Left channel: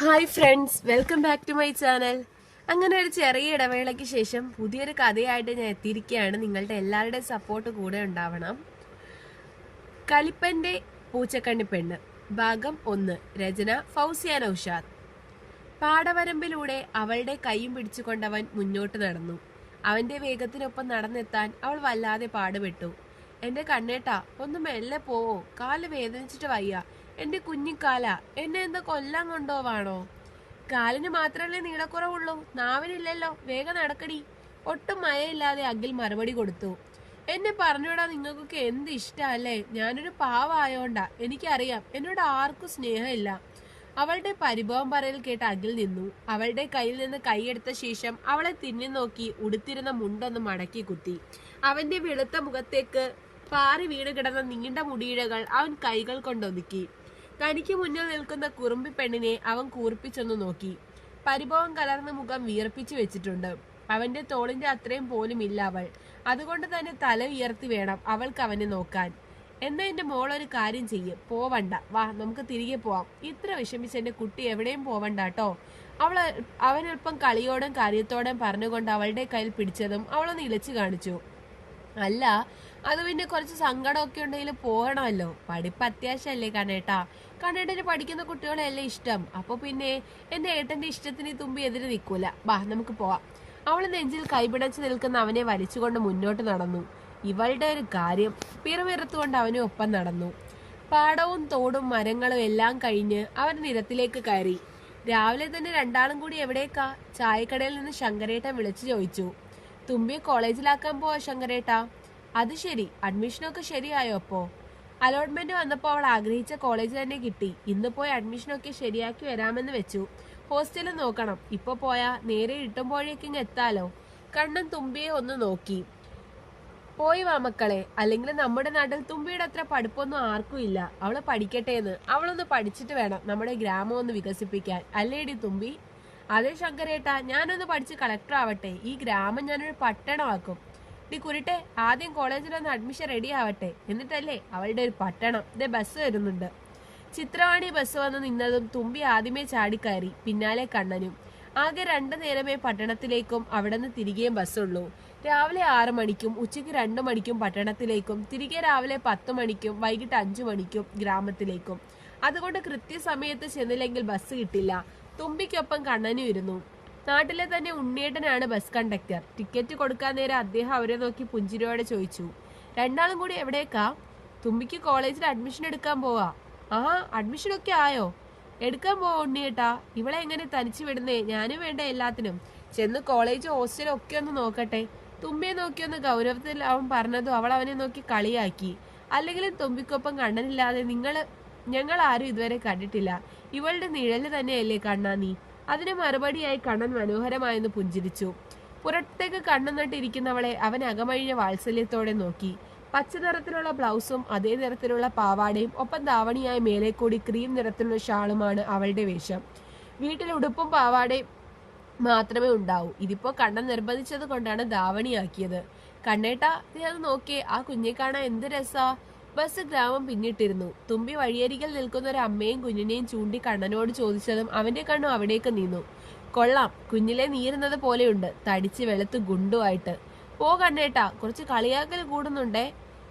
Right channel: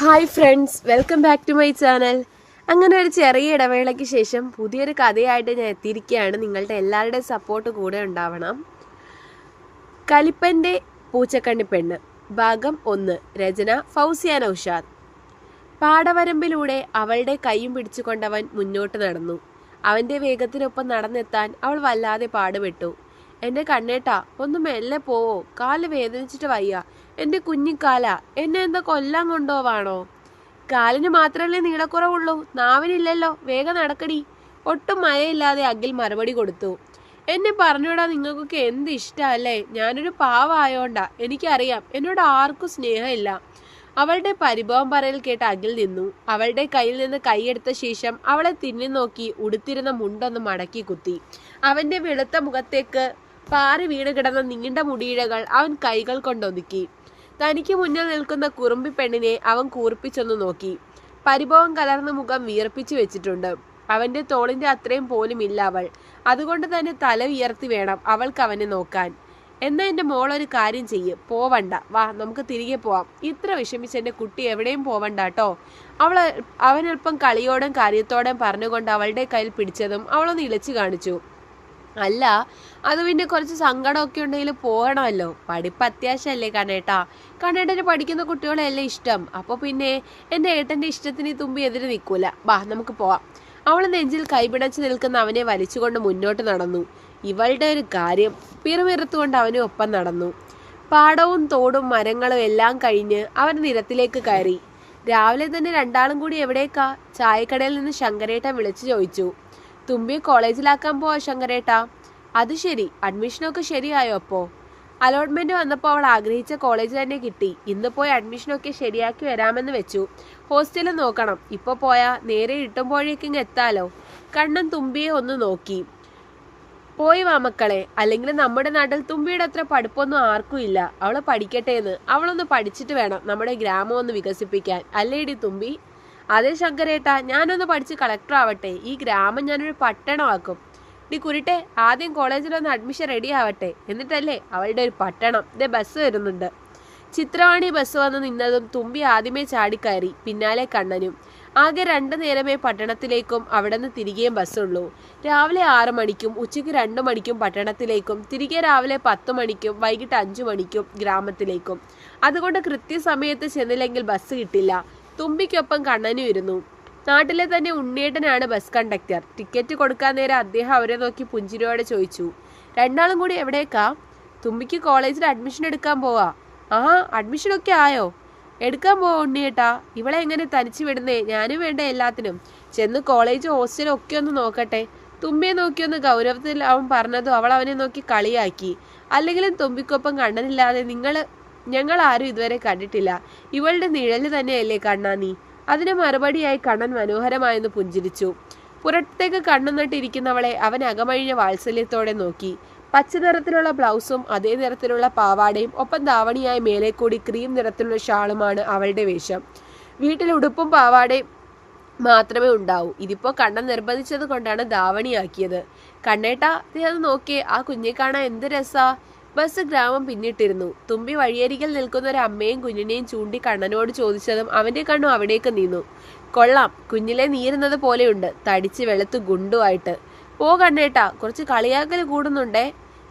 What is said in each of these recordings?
Hi friends, welcome back to my channel. അങ്ങനെ ഒരു ചെറിയ ഇടവേളയ്ക്ക് ശേഷം പുതിയൊരു കഥയായിട്ട് ഞാൻ എത്തിയിരിക്കുകയാണ്. നിങ്ങളുടെ എല്ലാവരുടെയും സപ്പോർട്ട് കൂടെ ഉണ്ടാവണം. കലിപ്പൻ്റെ പൂച്ചക്കണ്ണി പെണ്ണ് ഭാഗം 1. രചന ഫൗസിയ നൗഷാദ്. പാടവരമ്പിലൂടെ അവളുടെ കൈയും പിടിച്ചുകൊണ്ടവൻ മുന്നോട്ട് നടന്നു. അവൻ്റെ വേഗത്തിനൊപ്പം നടന്നെത്താൻ അവൾ വല്ലാതെ പാടുപെട്ടു. എൻ്റെ കണ്ണേട്ടാ, ഒന്ന് മെല്ലെ പോവോ, കാല് വേദനിച്ചിട്ട് വയ്യ. എൻ്റെ കുഞ്ഞിക്കാല, എന്നെ എന്താ കൊല്ലാൻ കൊണ്ടുപോവാണോ? കാലിന് മാത്രമല്ലേ നീളക്കുറവുള്ളൂ, നാവിനില്ലല്ലോ, വേഗം നടക്കടി. ഒട്ടും മഴയില്ലാതെ അഖിൽ മറുപടി കൊടുത്തു. എന്നെ പറഞ്ഞോടാ, നിങ്ങൾക്കൊക്കെ എന്ത് ഇഷ്ടമല്ലേ? ഞാനൊരു പാവമായോണ്ടാ, എനിക്കറിയാം. എന്നോട് ആർക്കും സ്നേഹമില്ല. അവളുടെ പരിഭവം പറയൽ കേട്ട് അഖിൽ നിന്നു. അവളുടെ കയ്യിൽ നിന്ന് കൈയെടുത്ത ശേഷം അവളെ തിന്നി നോക്കി ഉടുത്തിരുന്ന മുണ്ടൊന്ന് മടക്കി കുത്തി. അവന്റെ വെളുത്ത മുഖത്തേക്ക് പാറി വീണ് കിടന്ന നീണ്ട മുടിയിഴകൾ അവൻ കൈകൾ കൊണ്ടൊതുക്കി. തനിക്ക് മുന്നിൽ നിൽക്കുന്ന കുറുമ്പി പെണ്ണിനെ അവൻ കൂർപ്പിച്ചൊന്നു നോക്കി. പരിഭവം കലർന്ന മുഖം വിയർപ്പിച്ചു വെച്ചിട്ടുണ്ട്. അവന്റെ തോളിന്റെ അത്രയും പോലും ഇല്ല അവൾ. അതുകൊണ്ട് തന്നെ തല ഉയർത്തി വേണം അവൾക്ക് അവനെ നോക്കാൻ. എന്നാ എൻ്റെ മോളൊരു കാര്യം ചെയ്യ്, പോവണ്ട, വാ നമുക്ക് തിരികെ പോവാം. ഇത്ര വിഷമിച്ച് എൻ്റെ കുട്ടി എവിടെയും പോവണ്ട കേട്ടോ. അവനൽപ്പം കളിയോടും കാര്യത്തോടും പറഞ്ഞുകൊണ്ട് അവളുടെ കയ്യിൽ പിടിച്ചതും അവളൊന്ന് ഇളച്ചു കാണിച്ചു. അല്ല, അത് പിന്നെ കുറച്ച് സങ്കടമൊക്കെ ഉണ്ടെങ്കിൽ പോകണമല്ലോ. പഠിപ്പ് അത്യാവശ്യമല്ലേ കണ്ണേട്ടാ? കണ്ണേട്ടന് പഠിക്കുന്ന കുട്ടികളെല്ലാം ഇഷ്ടം. അപ്പോൾ പിന്നെ എൻ്റെ ഏട്ടൻ്റെ ഇഷ്ടത്തിന് തുമ്പി എതിര് നിൽക്കൂല. വാ നമുക്ക് പോവാം. അവൾ നെഞ്ചിൽ കൈപിടച്ച് നിൽക്കുന്ന അവനെ വലിച്ചുകൊണ്ട് മുന്നോട്ട് നടന്നു. ഇവളുടെ ഒരു കാര്യം, പിറുപിറുത്തുകൊണ്ട് അവനും ഒപ്പം നടന്നു. പാടവും തോടും മരങ്ങളും എല്ലാം കഴിഞ്ഞ് അവർ നിരത്തിലേക്ക് കയറി. രാവിലെ തന്നെ രണ്ടാളും കൂടി എവിടേക്കാ? ചായക്കടയിൽ നിന്ന് ശങ്കരേട്ടൻ വിളിച്ചു ചോദിച്ചു. തുമ്പിയെ കോളേജിലാക്കാൻ പോവാ ശങ്കരേട്ടാ. അത് ശരി, അഡ്മിഷനൊക്കെ ശരിയായോ? അപ്പോൾ അലോട്ട്മെന്റ് വന്നപ്പോൾ അവൾ ആഗ്രഹിച്ച കോളേജ് തന്നെ കിട്ടി. ഇന്ന് പോയി അഡ്മിഷനൊക്കെ ശരിയാക്കി വരാമെന്ന് വെച്ചു. ഹോസ്റ്റലിൽ നോക്കണം. ഇപ്പോൾ പോയാൽ നേരെ ഇട്ടുമ്പോഴേക്കും എത്താലോ. കണ്ണൻ തുമ്പിയെ ഒന്ന് നോക്കി. പോയി വാ മക്കളെ, അല്ലെങ്കിൽ നമ്മുടെ നാട്ടിൽ തുമ്പിയുടെ അത്ര പഠിപ്പൊന്നും ആർക്കും ഇല്ല. അവള് പഠിക്കട്ടെ എന്ന്. അവളൊന്ന് പഠിച്ചിട്ട് വേണം നമ്മുടെ ഗ്രാമം ഒന്ന് വികസിപ്പിക്കാൻ. അല്ലേടി തുമ്പി? അതെ ശങ്കരേട്ടാ, ഞാനൊന്ന് പഠിച്ച് കളക്ടർ ആവട്ടെ. ഈ ഗ്രാമം ഞാനൊരു പട്ടണമാക്കും. ഡി കുരുട്ടെ, ആദ്യം കോളേജിലൊന്ന് അഡ്മിഷൻ റെഡി ആവട്ടെ, എന്നിട്ടല്ലേ അവളുടെ ഒരു പട്ടണം. ഇതേ ബസ് വരുന്നുണ്ട്. ചിത്രവാണി ബസ് വന്ന് നിന്നതും തുമ്പി ആദ്യമേ ചാടിക്കയറി. പിന്നാലെ കണ്ണനും. ആകെ 2 നേരമേ പട്ടണത്തിലേക്കും അവിടെ നിന്ന് തിരികെയും ബസ്സുള്ളൂ. രാവിലെ 6 മണിക്കും ഉച്ചയ്ക്ക് 2 മണിക്കും പട്ടണത്തിലേക്കും, തിരികെ രാവിലെ 10 മണിക്കും വൈകിട്ട് 5 മണിക്കും ഗ്രാമത്തിലേക്കും. അതുകൊണ്ട് കൃത്യസമയത്ത് ചെന്നില്ലെങ്കിൽ ബസ് കിട്ടില്ല. തുമ്പിക്കൊപ്പം കണ്ണനും ഇരുന്നു. നാട്ടിലെ തന്നെ ഉണ്ണിയേട്ടനാണ് ബസ് കണ്ടക്ടർ. ടിക്കറ്റ് കൊടുക്കാൻ നേരം അദ്ദേഹം അവരെ നോക്കി പുഞ്ചിരിയോടെ ചോദിച്ചു. രണ്ടാളും കൂടി എവിടേക്കാ? തുമ്പിക്ക് കോളേജിൽ അഡ്മിഷൻ എടുക്കാൻ പോവാ. ആ, അഡ്മിഷനൊക്കെ ആയോ? എടുക്കാൻ പോവാ ഉണ്ണിയേട്ടാ. ഇവളെ എങ്ങനെ തനിച്ചു വിടുന്നേ? ഞാനും വേണ്ട എല്ലാത്തിനും. ചെന്ന് കോളേജ് ഹോസ്റ്റലും ഒക്കെ ഒന്ന് നോക്കട്ടെ. തുമ്പിയെ നോക്കിയൊന്ന് ഗൗരവത്തിൽ അവൻ പറഞ്ഞതും അവൾ അവനെ നോക്കി കളിയാക്കി. അല്ലെങ്കിലും തുമ്പിക്കൊപ്പം കണ്ണനില്ലാതെ ഞങ്ങൾ ആരും ഇതുവരെ കണ്ടിട്ടില്ല. ഇവളുടെ നിഴല് തന്നെയല്ലേ കണ്ണാ നീ? അതിന് മറുപടിയായി കണ്ണൻ മനോഹരമായെന്ന് പുഞ്ചിരിച്ചു. പുറത്തേക്ക് കണ്ണു നട്ടിരിക്കുന്നവളെ അവൻ അകമഴിഞ്ഞ വാത്സല്യത്തോടെ നോക്കി. പച്ച നിറത്തിലുള്ള ബ്ലൗസും അതേ നിറത്തിലുള്ള പാവാടയും ഒപ്പം ധാവണിയായ മേലെ കൂടി ക്രീം നിറത്തിലുള്ള ഷാളുമാണ് അവളുടെ വേഷം. വീട്ടിൽ ഉടുപ്പും പാവാടയും മാത്രമേ ഉണ്ടാവൂ. ഇതിപ്പോ കണ്ണൻ നിർബന്ധിച്ചത് കൊണ്ടാണ് ധാവണിയാക്കിയത്. കണ്ണേട്ടാ, നീ അത് നോക്കിയേ, ആ കുഞ്ഞെ കാണാൻ എന്ത് രസാ. ബസ് ഗ്രാമം പിന്നിട്ടിരുന്നു. തുമ്പി വഴിയരികിൽ നിൽക്കുന്ന ഒരു അമ്മയും കുഞ്ഞിനെയും ചൂണ്ടി കണ്ണനോട് ചോദിച്ചതും അവന്റെ കണ്ണു അവിടേക്ക് നീന്നു. കൊള്ളാം, കുഞ്ഞിലെ നീരുന്നത് പോലെയുണ്ട്, തടിച്ച് വെളുത്ത് ഗുണ്ടുമായിട്ട്. പോ കണ്ണേട്ടാ, കുറച്ച് കളിയാക്കൽ കൂടുന്നുണ്ടേ.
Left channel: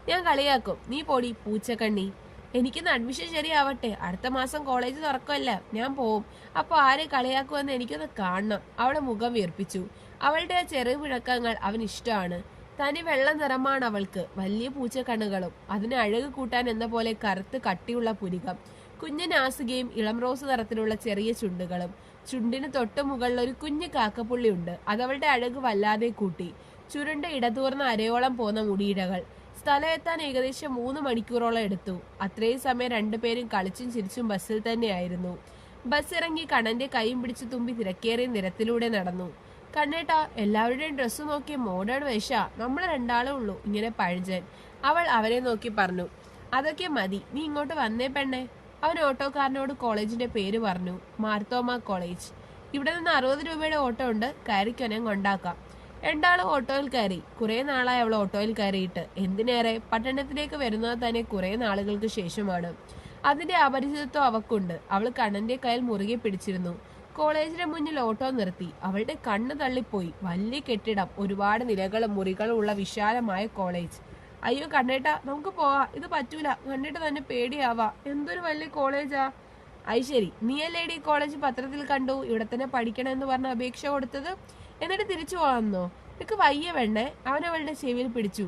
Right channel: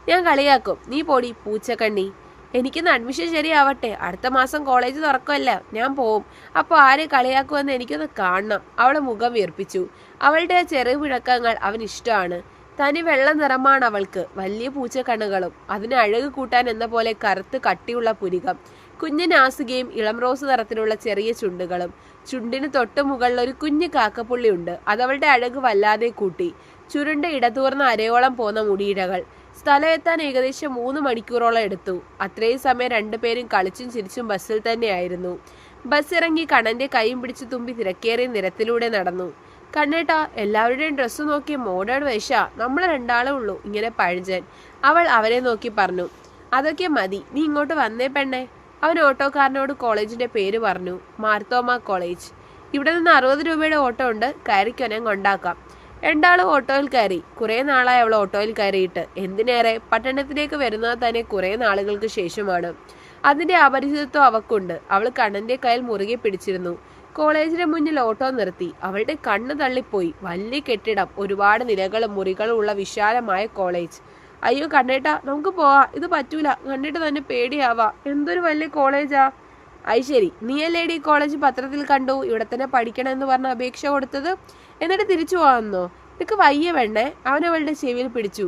ഞാൻ കളിയാക്കും, നീ പോടി പൂച്ചക്കണ്ണി. എനിക്കിന്ന് അഡ്മിഷൻ ശരിയാവട്ടെ. അടുത്ത മാസം കോളേജ് തുറക്കുമല്ല, ഞാൻ പോവും. അപ്പോൾ ആരെ കളിയാക്കുമെന്ന് എനിക്കൊന്ന് കാണണം. അവളെ മുഖം വീർപ്പിച്ചു. അവളുടെ ആ ചെറിയ പിണക്കങ്ങൾ അവൻ ഇഷ്ടമാണ്. തനി വെള്ള നിറമാണ് അവൾക്ക്, വലിയ പൂച്ചക്കണ്ണുകളും അതിന് അഴക് കൂട്ടാൻ എന്ന പോലെ കറുത്ത് കട്ടിയുള്ള പുരികം, കുഞ്ഞനാസുകയും ഇളം റോസ് നിറത്തിലുള്ള ചെറിയ ചുണ്ടുകളും. ചുണ്ടിന് തൊട്ട് മുകളിൽ ഒരു കുഞ്ഞു കാക്കപ്പുള്ളിയുണ്ട്. അതവളുടെ അഴക് വല്ലാതെ കൂട്ടി. ചുരുണ്ട ഇടതൂർന്ന അരയോളം പോന്ന മുടിയിഴകൾ. സ്ഥലം എത്താൻ ഏകദേശം 3 മണിക്കൂറോളം എടുത്തു. അത്രയും സമയം രണ്ടുപേരും കളിച്ചും ചിരിച്ചും ബസ്സിൽ തന്നെയായിരുന്നു. ബസ് ഇറങ്ങി കണ്ണന്റെ കൈയും പിടിച്ച് തുമ്പി തിരക്കേറിയ നിരത്തിലൂടെ നടന്നു. കണ്ണേട്ടാ, എല്ലാവരുടെയും ഡ്രസ്സ് നോക്കി മോഡേൺ വേഷ, നമ്മൾ 2 ഉള്ളൂ ഇങ്ങനെ പഴഞ്ചൻ. അവൾ അവരെ നോക്കി പറഞ്ഞു. അതൊക്കെ മതി, നീ ഇങ്ങോട്ട് വന്നേ പെണ്ണേ. അവൻ ഓട്ടോക്കാരനോട് കോളേജിന്റെ പേര് പറഞ്ഞു. മാർത്തോമ കോളേജ്. ഇവിടെ നിന്ന് 60 രൂപയുടെ ഓട്ടോ ഉണ്ട്, കയറിക്കോ, ഞാൻ കൊണ്ടാക്കാം. 2 ഓട്ടോയിൽ കയറി. കുറെ നാളായി അവൾ ഓട്ടോയിൽ കയറിയിട്ട്. എന്തിനേറെ പട്ടണത്തിലേക്ക് വരുന്നത് തന്നെ കുറെ നാളുകൾക്ക് ശേഷമാണ്. അതിന്റെ അപരിചിതത്വം അവക്കുണ്ട്. അവൾ കണ്ണന്റെ കയ്യിൽ മുറുകെ പിടിച്ചിരുന്നു. കോളേജിന് മുന്നിൽ ഓട്ടോ നിർത്തി. അവളുടെ കണ്ണ് തള്ളിപ്പോയി. വലിയ കെട്ടിടം, ഒരുപാട് നിലകളും മുറികളും ഉള്ള വിശാലമായ കോളേജ്. അയ്യോ കണ്ണേട്ടാ, നമുക്ക് പോവാ. ഇത് പറ്റൂല, കണ്ടിട്ട് തന്നെ പേടിയാവാ. എന്തൊരു വലിയ കോളേജാ. അത് ശരി, നീയല്ലേടി കോളേജ് പത്രത്തിൽ കണ്ടു ഇവിടെ തന്നെ പഠിക്കണമെന്ന് പറഞ്ഞ അപേക്ഷ കൊടുത്തത്? എന്നിട്ട് തിരിച്ചു പോവാന്നോ? നിനക്ക് വയ്യ വേണ്ടേ? അവൻ അവളുടെ ചെവിയിൽ പിടിച്ചു.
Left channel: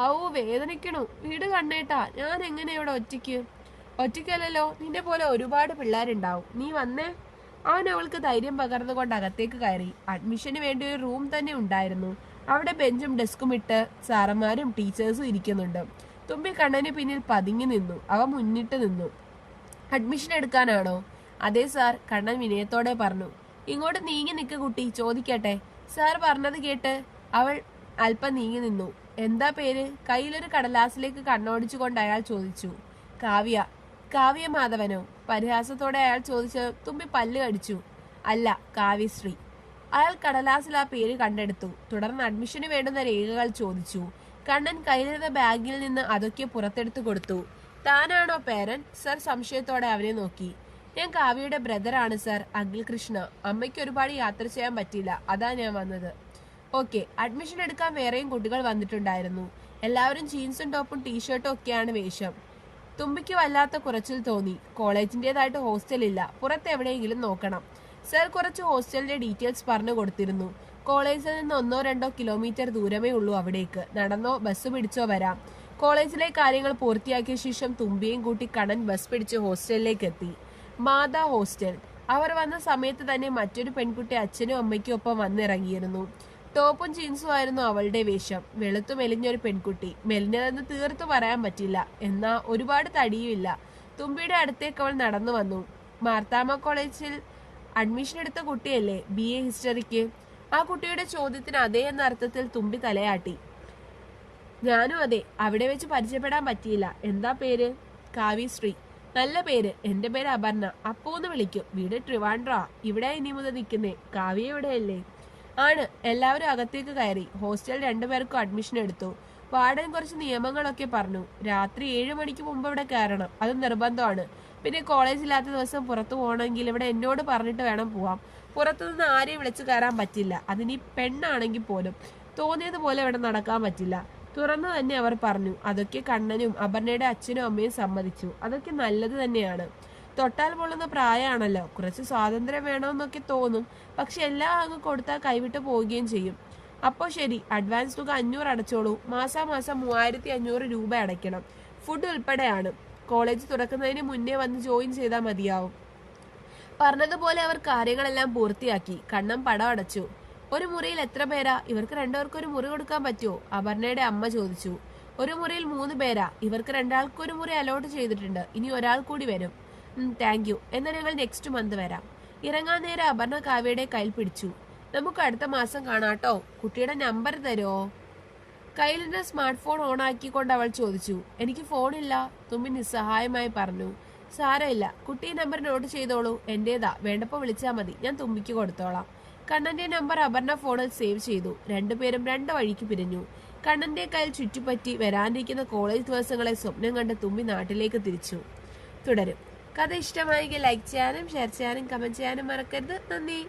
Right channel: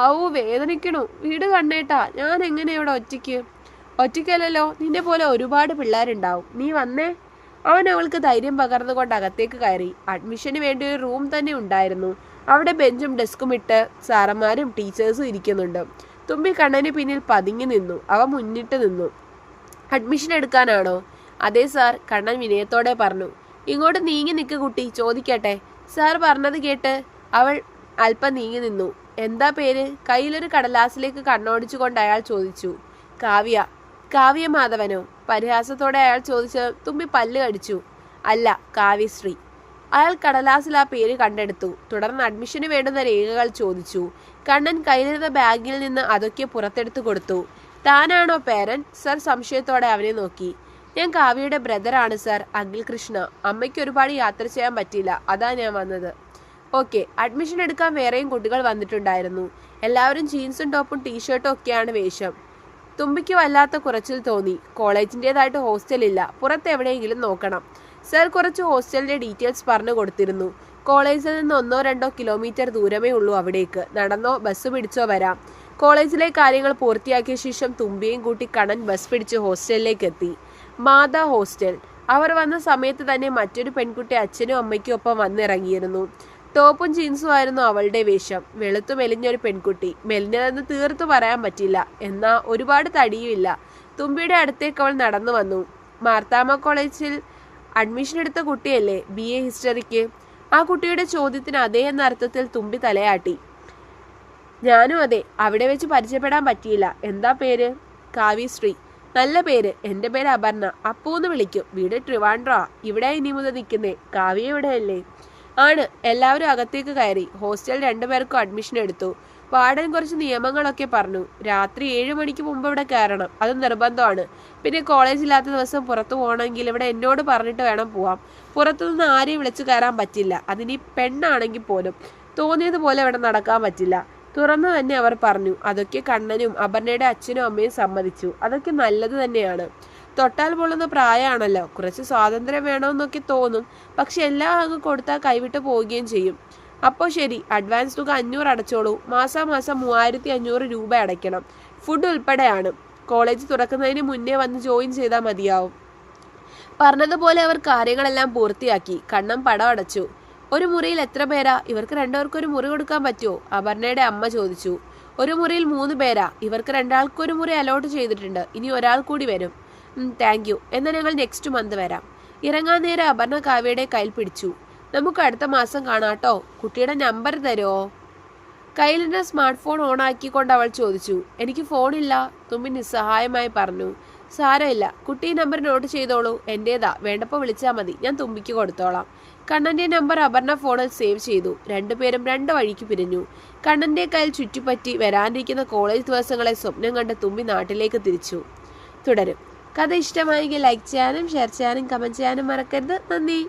ആവൂ, വേദനിക്കണു. വീട് കണ്ണേട്ടാ, ഞാൻ എങ്ങനെ ഇവിടെ ഒറ്റയ്ക്ക്? ഒറ്റയ്ക്കല്ലല്ലോ, നിന്നെ പോലെ ഒരുപാട് പിള്ളേരുണ്ടാവും. നീ വന്നേ. അവൻ അവൾക്ക് ധൈര്യം പകർന്നുകൊണ്ട് അകത്തേക്ക് കയറി. അഡ്മിഷന് വേണ്ടി ഒരു റൂം തന്നെ ഉണ്ടായിരുന്നു. അവിടെ ബെഞ്ചും ഡെസ്കും ഇട്ട് സാറന്മാരും ടീച്ചേഴ്സും ഇരിക്കുന്നുണ്ട്. തുമ്പി കണ്ണന് പിന്നിൽ പതുങ്ങി നിന്നു. അവ മുന്നിട്ട് നിന്നു. അഡ്മിഷൻ എടുക്കാനാണോ? അതെ സാർ, കണ്ണൻ വിനയത്തോടെ പറഞ്ഞു. ഇങ്ങോട്ട് നീങ്ങി നിൽക്ക് കുട്ടി, ചോദിക്കട്ടെ. സാർ പറഞ്ഞത് കേട്ട് അവൾ അല്പം നീങ്ങി നിന്നു. എന്താ പേര്? കയ്യിലൊരു കടലാസിലേക്ക് കണ്ണോടിച്ചുകൊണ്ട് അയാൾ ചോദിച്ചു. കാവ്യ. കാവ്യ മാധവനോ? പരിഹാസത്തോടെ അയാൾ ചോദിച്ചത് തുമ്പി പല്ല് കടിച്ചു. അല്ല, കാവ്യശ്രീ. അയാൾ കടലാസിൽ ആ പേര് കണ്ടെടുത്തു. തുടർന്ന് അഡ്മിഷന് വേണ്ടുന്ന രേഖകൾ ചോദിച്ചു. കണ്ണൻ കയ്യിലിരുന്ന ബാഗിൽ നിന്ന് അതൊക്കെ പുറത്തെടുത്തു കൊടുത്തു. താനാണോ പേരന്റ്? സർ സംശയത്തോടെ അവനെ നോക്കി. ഞാൻ കാവ്യയുടെ ബ്രദറാണ് സർ, അഖിൽ കൃഷ്ണ. അമ്മയ്ക്ക് ഒരുപാട് യാത്ര ചെയ്യാൻ പറ്റില്ല, അതാ ഞാൻ വന്നത്. ഓക്കെ. അഡ്മിഷൻ എടുക്കാൻ വേറെയും കുട്ടികൾ വന്നിട്ടുണ്ടായിരുന്നു. എല്ലാവരും ജീൻസും ടോപ്പും ടീഷർട്ടും ഒക്കെയാണ് വേഷം. തുമ്പിക്ക് വല്ലാത്ത കുറച്ചിൽ തോന്നി. കോളേജിൻ്റെതായിട്ട് ഹോസ്റ്റലില്ല, പുറത്ത് എവിടെയെങ്കിലും നോക്കണം. സർ കുറച്ച് ഹോസ്റ്റലിന്റെ ഡീറ്റെയിൽസ് പറഞ്ഞു കൊടുത്തിരുന്നു. കോളേജിൽ നിന്ന് 1-2 കിലോമീറ്റർ ദൂരമേ ഉള്ളൂ അവിടേക്ക്. നടന്നോ ബസ് പിടിച്ചോ വരാം. കോളേജിലെ കാര്യങ്ങൾ പൂർത്തിയാക്കിയ ശേഷം തുമ്പിയും കൂട്ടി കണ്ണൻ ബസ് പിടിച്ച് ഹോസ്റ്റലിലേക്ക് എത്തി. മാതാ ഹോസ്റ്റൽ. അവർ വന്ന സമയത്ത് തന്നെ മറ്റൊരു പെൺകുട്ടി അച്ഛനും അമ്മയ്ക്കും ഒപ്പം വന്നിറങ്ങിയിരുന്നു. ടോപ്പും ജീൻസും ആയിരുന്നു അവളുടെ വേഷം. വെളുത്തു മെലിഞ്ഞൊരു പെൺകുട്ടി. മെലിഞ്ഞതെന്ന് തീർത്തു പറയാൻ പറ്റില്ല, എന്നാ ഒരുപാട് തടിയുമില്ല. തുമ്പിയുടെ അടുത്തേക്ക് അവൾ നടന്നു വന്നു. മാർത്താമ കോളേജിൽ അഡ്മിഷൻ എടുത്ത കുട്ടിയല്ലേ, BA ഹിസ്റ്ററിക്ക്? ആ കുട്ടിയുടെ ചോദ്യത്തിന് അതേ എന്ന അർത്ഥത്തിൽ തുമ്പി തലയാട്ടി. ഞാനും അതെ, അവിടെ വെച്ച് പരിചയപ്പെടാൻ പറ്റിയില്ല. എന്താ പേര്? കാവ്യശ്രീ. നല്ല പേര്. എൻ്റെ പേര് അപർണ. അപ്പൂന്ന് വിളിക്കും. വീട് ട്രിവാൻഡ്രാ. ഇവിടെ ഇനി മുതൽ നിൽക്കുന്നേ. കാവ്യ ഇവിടെ അല്ലേ? ആണ്. എല്ലാവരും അകത്തേക്ക് കയറി. ഹോസ്റ്റൽ 2 പേർക്കും അഡ്മിഷൻ എടുത്തു. വാർഡൻ കുറച്ച് നിയമങ്ങളൊക്കെ പറഞ്ഞു. രാത്രി 7 മണിക്ക് മുമ്പ് ഇവിടെ കയറണം, അത് നിർബന്ധമാണ്. പിന്നെ കോളേജ് ഇല്ലാത്ത ദിവസം പുറത്തു പോകണമെങ്കിൽ ഇവിടെ എന്നോട് പറഞ്ഞിട്ട് വേണം പോവാം. പുറത്തുനിന്ന് ആരെയും വിളിച്ചു കയറാൻ പറ്റില്ല, അതിനി പെണ്ണാണെങ്കിൽ പോലും. തോന്നിയതുപോലെ ഇവിടെ നടക്കാൻ പറ്റില്ല. തുറന്നു തന്നെ അവർ പറഞ്ഞു. അതൊക്കെ കണ്ണനും അപർണയുടെ അച്ഛനും അമ്മയും സമ്മതിച്ചു. അതൊക്കെ നല്ലത് തന്നെയാണ്. തൊട്ടാൽ പൊള്ളുന്ന പ്രായമാണല്ലോ, കുറച്ച് സ്വാതന്ത്ര്യം വേണമെന്നൊക്കെ തോന്നും. പക്ഷെ എല്ലാം അങ്ങ് കൊടുത്താൽ കൈവിട്ട് പോവുകയും ചെയ്യും. അപ്പോൾ ശരി, അഡ്വാൻസ് തുക 500 അടച്ചോളൂ. മാസം 3500 രൂപ അടയ്ക്കണം. ഫുഡ് ഉൾപ്പെടെയാണ്. കോളേജ് തുറക്കുന്നതിന് മുന്നേ വന്ന് ജോയിൻ ചെയ്താൽ മതിയാവും. പറഞ്ഞതുപോലെ അവർ കാര്യങ്ങളെല്ലാം പൂർത്തിയാക്കി. കണ്ണൻ പടം അടച്ചു. ഒരു മുറിയിൽ എത്ര പേരാ? ഇവർക്ക് 2 പേർക്കും ഒരു മുറി കൊടുക്കാൻ പറ്റുമോ? അപർണയുടെ അമ്മ ചോദിച്ചു. ഒരു മുറിയിൽ 3 പേരാ. ഇവർക്ക് 2 ആൾക്കും ഒരു മുറി അലോട്ട് ചെയ്തിട്ടുണ്ട്. ഇനി ഒരാൾ കൂടി വരും. Thank you. എന്നാൽ ഞങ്ങൾ നെക്സ്റ്റ് മന്ത് വരാം. ഇറങ്ങാൻ നേരം അപർണ കാവ്യയുടെ കയ്യിൽ പിടിച്ചു. നമുക്ക് അടുത്ത മാസം കാണാട്ടോ. കുട്ടിയുടെ നമ്പർ തരുമോ? കയ്യിലിൻ്റെ സ്മാർട്ട് ഫോൺ ഓൺ ആക്കിക്കൊണ്ട് അവൾ ചോദിച്ചു. എനിക്ക് ഫോണില്ല, തുമ്പി നിസ്സഹായമായി പറഞ്ഞു. സാരമില്ല, കുട്ടി നമ്പർ നോട്ട് ചെയ്തോളൂ. എൻ്റേതാ, വേണ്ടപ്പോൾ വിളിച്ചാൽ മതി, ഞാൻ തുമ്പിക്ക് കൊടുത്തോളാം. കണ്ണൻ്റെ നമ്പർ അപർണ ഫോണിൽ സേവ് ചെയ്തു. 2 പേരും 2 വഴിക്ക് പിരിഞ്ഞു. കണ്ണൻ്റെ കയ്യിൽ ചുറ്റിപ്പറ്റി വരാനിരിക്കുന്ന കോളേജ് ദിവസങ്ങളെ സ്വപ്നം കണ്ട് തുമ്പി നാട്ടിലേക്ക് തിരിച്ചു. തുടരും. കഥ ഇഷ്ടമായെങ്കിൽ ലൈക്ക് ചെയ്യാനും ഷെയർ ചെയ്യാനും കമൻറ്റ് ചെയ്യാനും മറക്കരുത്. നന്ദി.